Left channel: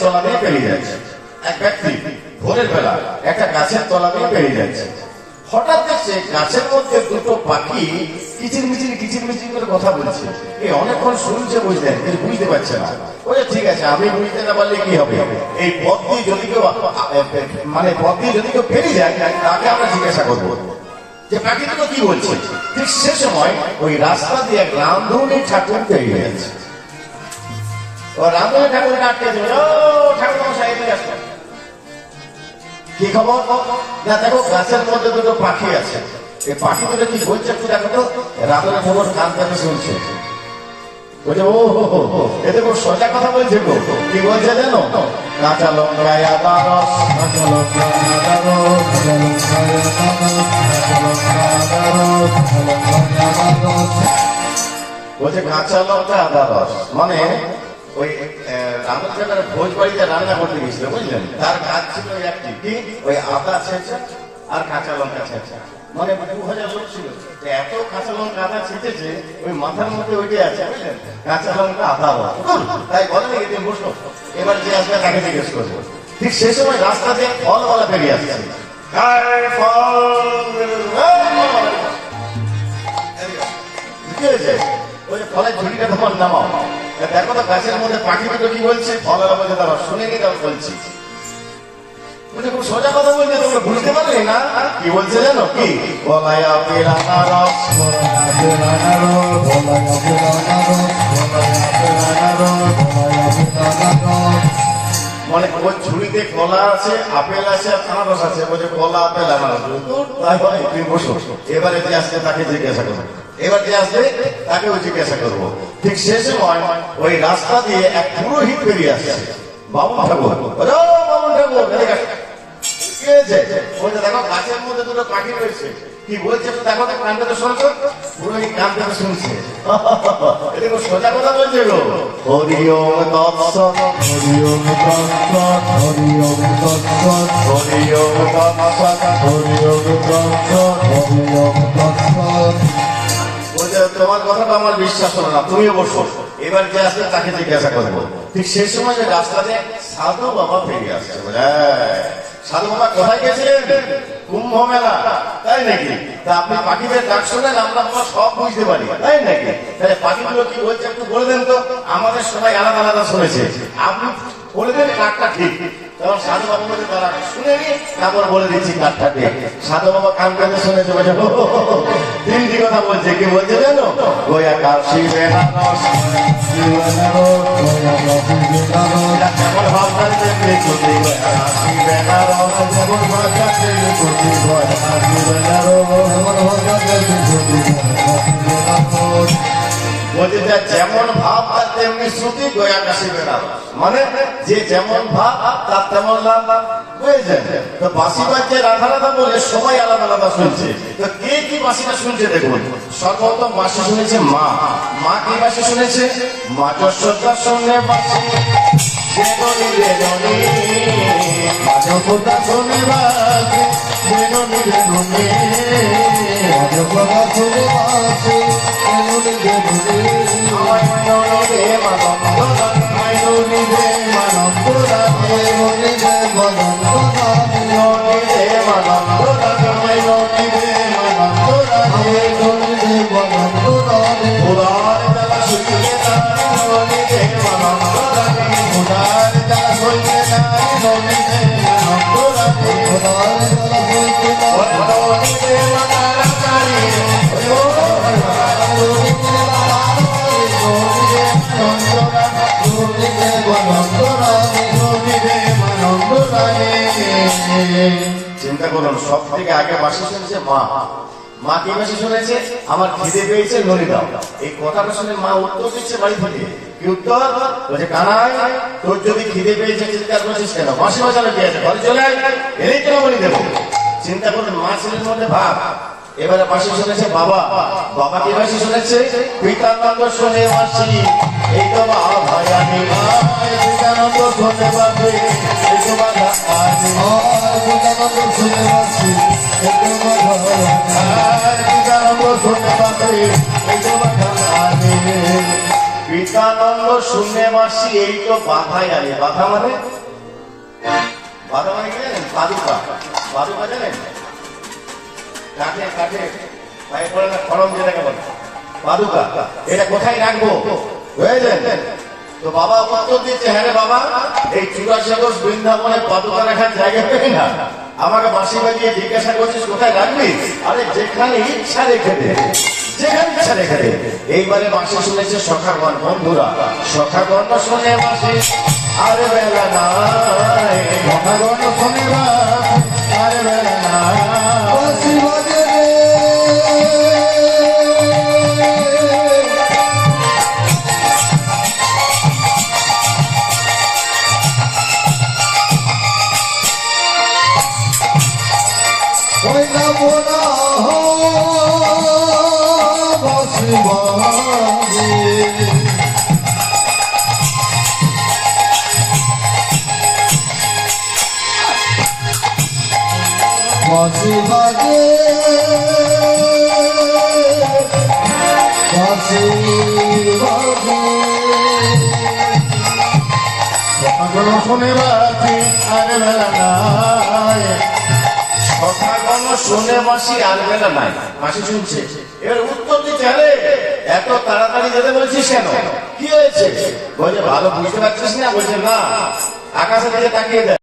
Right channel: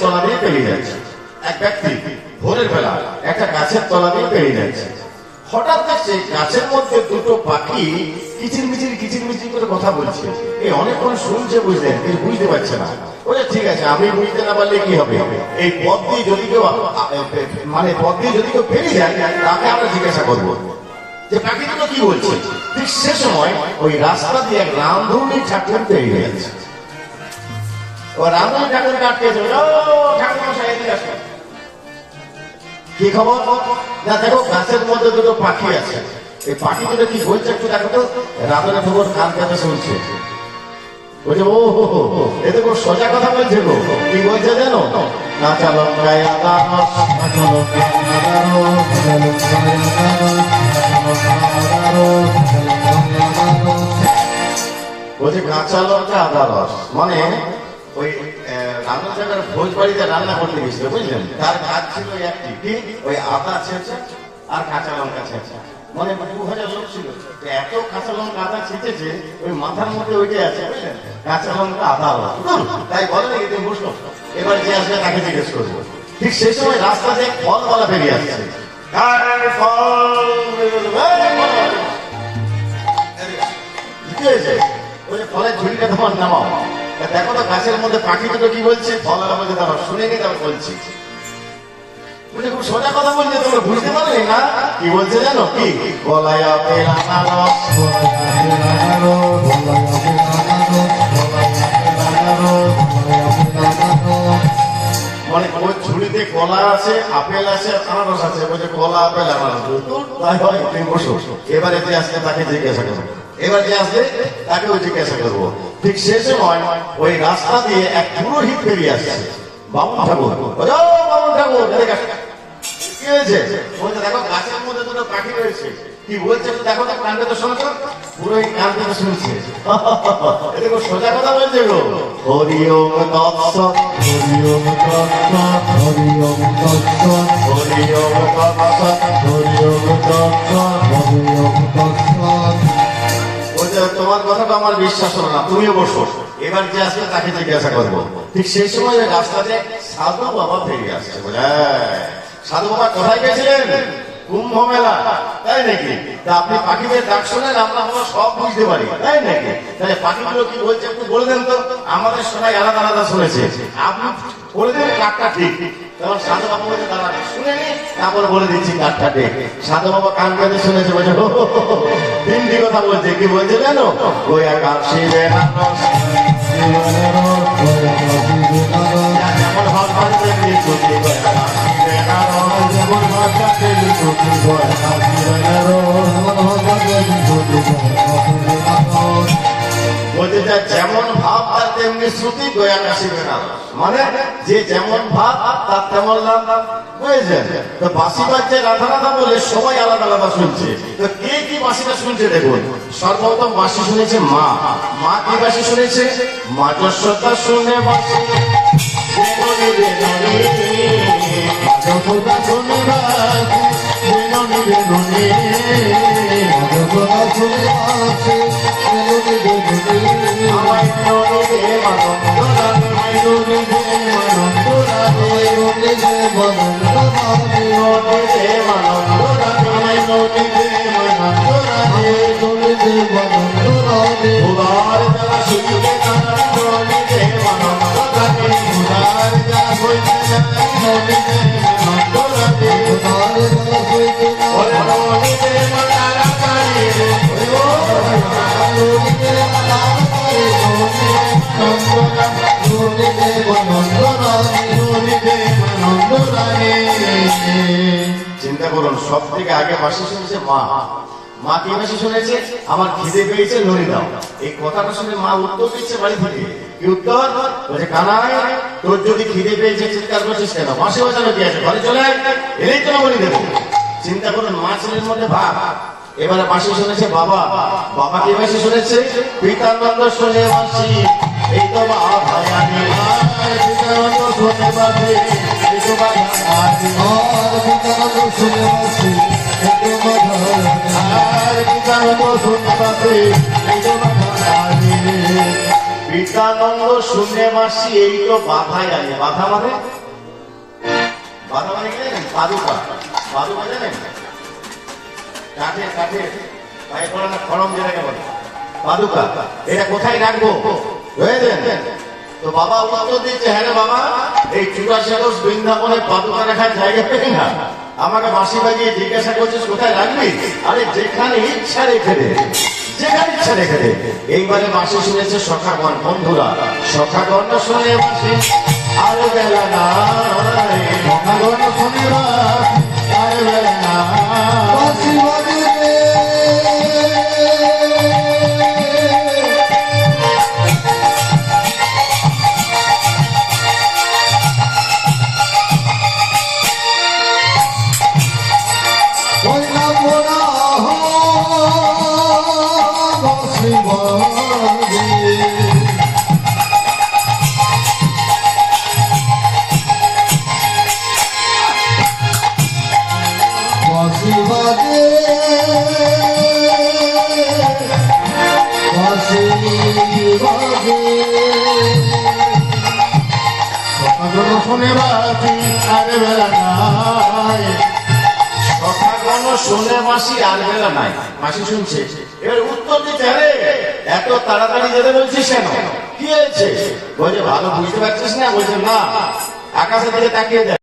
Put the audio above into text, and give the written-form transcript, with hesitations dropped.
তলা দিয়ে পেরিয়ে যাচ্ছে। এক ব্যক্তি ভোরের বেলা একটা গাছের তলা দিয়ে পেরিয়ে যাচ্ছে। হঠাৎ দেখছে গাছের মধ্যে দুটো পাখি কিচির মিচির করে কথা বলছে। এই অনেকক্ষণ শুনছে, বুঝলেন, কিন্তু বুঝতে পারছে না। বলে ঠিক আছে, আমি বুঝতে না পারলে কি হবে, এই পথ দিয়ে যদি কেউ পেরিয়ে যায় তাকে আমরা জিজ্ঞাসা করবো যে পাখি দুটো কি বলছে। ঠিক সে সময় ওই রাস্তা দিয়ে রামধনু ঠাকুর পেরিয়ে যাচ্ছে। রামধনু ঠাকুরকে আটকে দিল, ঠাকুর সাইডে আসে। কি খবর না, দেখো গাছের মধ্যে দুটো পাখি আছে, এই পাখিগুলো কি বলছে একটু দেখো তো। রাতের খবর কান কানে শুনছে। বলছে ও হো, এটা খুব সোজা কথা বলছে গো। কি বলছে জানো, না চালো বলছে কাঁচা লঙ্কা আদা রস, মানে ওই রান্নাঘরের ভোজ বাড়িতে রান্না করতে গেছিল, বুঝলেন, তার কাজ ছিল একটি, কি ওই আদা ছেঁচা আর কাঁচা লঙ্কা ছেঁচা। মানে 2000 লোক ছিল, এত কাঁচা লঙ্কা আদা ছেঁচেছে ওই মাথার মধ্যে ওইটাই আছে, বুঝলেন, কাঁচা লঙ্কা আদা। তাই বলে নাকি বসো, এবার যে আসবে তাকে জিজ্ঞেস করবো। ঠিক সেই সময় রাস্তাতে ফলওয়ালা বেরিয়ে আসছে। ফলের ঝুড়িটা তোমার নামাও, দেখো না গাছের মধ্যে পাখি দুটো কি বলছে, শুনে নি তারপর বলছি। খুব সোজা কথা বলছে, তোমরা বুঝতে পারলে না কি বলছে জানো, কি বলায়া মানে ওর ঝুড়িতে কলা আছে, আপেল আছে, আনারস আছে, বলছে কলা আপেল আনারস। তাই হয়, তুমি বসো, এবারে যে আসছে তাকে জিজ্ঞাসা করবো, এবার যে আসবে তাকেও জিজ্ঞাসা করবো। ঠিক সে সময় ওই রাস্তা দিয়ে এক পুরোহিত বেরিয়ে আসছে। বামুন ঠাকুর, বামুন ঠাকুর কি হয়েছে? দেখো গাছের মধ্যে দুটো পাখি রয়েছে, কি বলছে দেখো, কান পেতে শুনছো। পুরোহিত কান পেতে শুনছে, এটা খুব সোজা কথা বলছে গো। হরি ওম তৎসৎ, হরি ওম তৎসৎ, হরি ওম তৎসৎ, হরি ওম তৎসৎ, হরি ওম তৎসৎ, হরি ওম তৎসৎ। তোমার কথাটা আমার বিশ্বাস করো না, তুমি বসো, এবার যে আসবে তাকে জিজ্ঞাসা করবো। ঠিক সেই সময় রাস্তাতে সাধু বাবা ফিরে আসছে। সাধু বাবা কোথায় গেছিলেন? কুম্ভ মেলা, তাই নাকি? তা আপনি পাখিদের ডাক শোনেন, আমরা সব বুঝতে পারি, তাই নাকি? তাই পাখিগুলো কি বলছে একটু বলবেন তো। আমাদের সবাই আলাদা আলাদা শুনেছে, আপনি বলে দেন কাঠটা ঠিক। তখন সাধু বাবা বলে তারা শুনে নি, তারপরে বলে দিচ্ছি কাঠটা ঠিক। সাধু বাবা কান কানে শুনেছে, বলে হিন্দি কথা বলছে। কি বলছে জানো, গোয়া কাশি যেমন ভাব তার তেমনি শ্রুতি, গোয়া কাশি বেড়া, মানে যে যেমন ভাব তার তেমন নাম, বুঝেছেন? তো বাঁশি বাজছে রাধা রাধা বলে সবাই আলাদা আলাদা শুনছে। তো কে কি বাঁশিটা শুনছে দেখুন। সর্বপ্রথম বাঁশি শুনেছে মা। মা কি বাঁশি শুনেছে? মা যশোদার সঙ্গে চিন্তা করুন, সব থেকে আগে বাঁশি শুনেছে মা। মা কি বাঁশি শুনেছে? আমার খিদে পেয়েছে নড়ি দাও। এই কথাটা শুনে মা উত্তর দিচ্ছে বাড়ি থেকে। কি উত্তর? বলছে কানাই, তোর যদি খিদে পেয়েছে চিন্তা করছিস কেন, বাঁশি বাজানো কি আছে, ঘরে চলে আয়, এনেই তো বলি দেবো। চিন্তা করুন, মা ছেলের মধ্যে ভাব। এবারে বাঁশি শুনেছে বাবা। বাবা কি বাঁশি শুনেছে? পিতার নন্দ শুনে বাঁশি, এই তো পিতানন্দ শুনে মাসি এই তো বাধাই আনে। বাধা মানে কি জানেন? পাদুকা। পাদুকা জানেন? কাঠে কাঠে পায়ে পড়ে না, খড়ম দিয়ে রাখে বলে পাদুকা। এটা কোথায় রাখবো বুঝলেন? তো বাবা উত্তর দিচ্ছে, হ্যাঁ রে বাবা, এই 84 বৃন্দাবনে পাদুকা রাখার জায়গা পেয়ে না, আমাকে বাঁশি বাজিয়ে জিজ্ঞাসা করছিস কোথায় রাখবি? আরে যেখানে ইচ্ছা রেখে দে, যেখানে ইচ্ছা রেখে দে। এইবারে বাঁশি শুনেছে সখাগণ। বন্ধুরা, সখাগণ না শুনে বাঁশি আর বেলা নাই, সখাগণ শুনে আর বেলা নাই। বাঁশি বাজে শুনে মাসি আর বেলা নাই, মাসি শুনছে। এবার উত্তর দিচ্ছে, আরে এত তাড়াতাড়ি যেতে বলছিস কেন, কি হয়েছে? বলছে ভালো বুঝতে পারছিস না? বলছে না, আকাশের দিকে তাকিয়ে দেয়।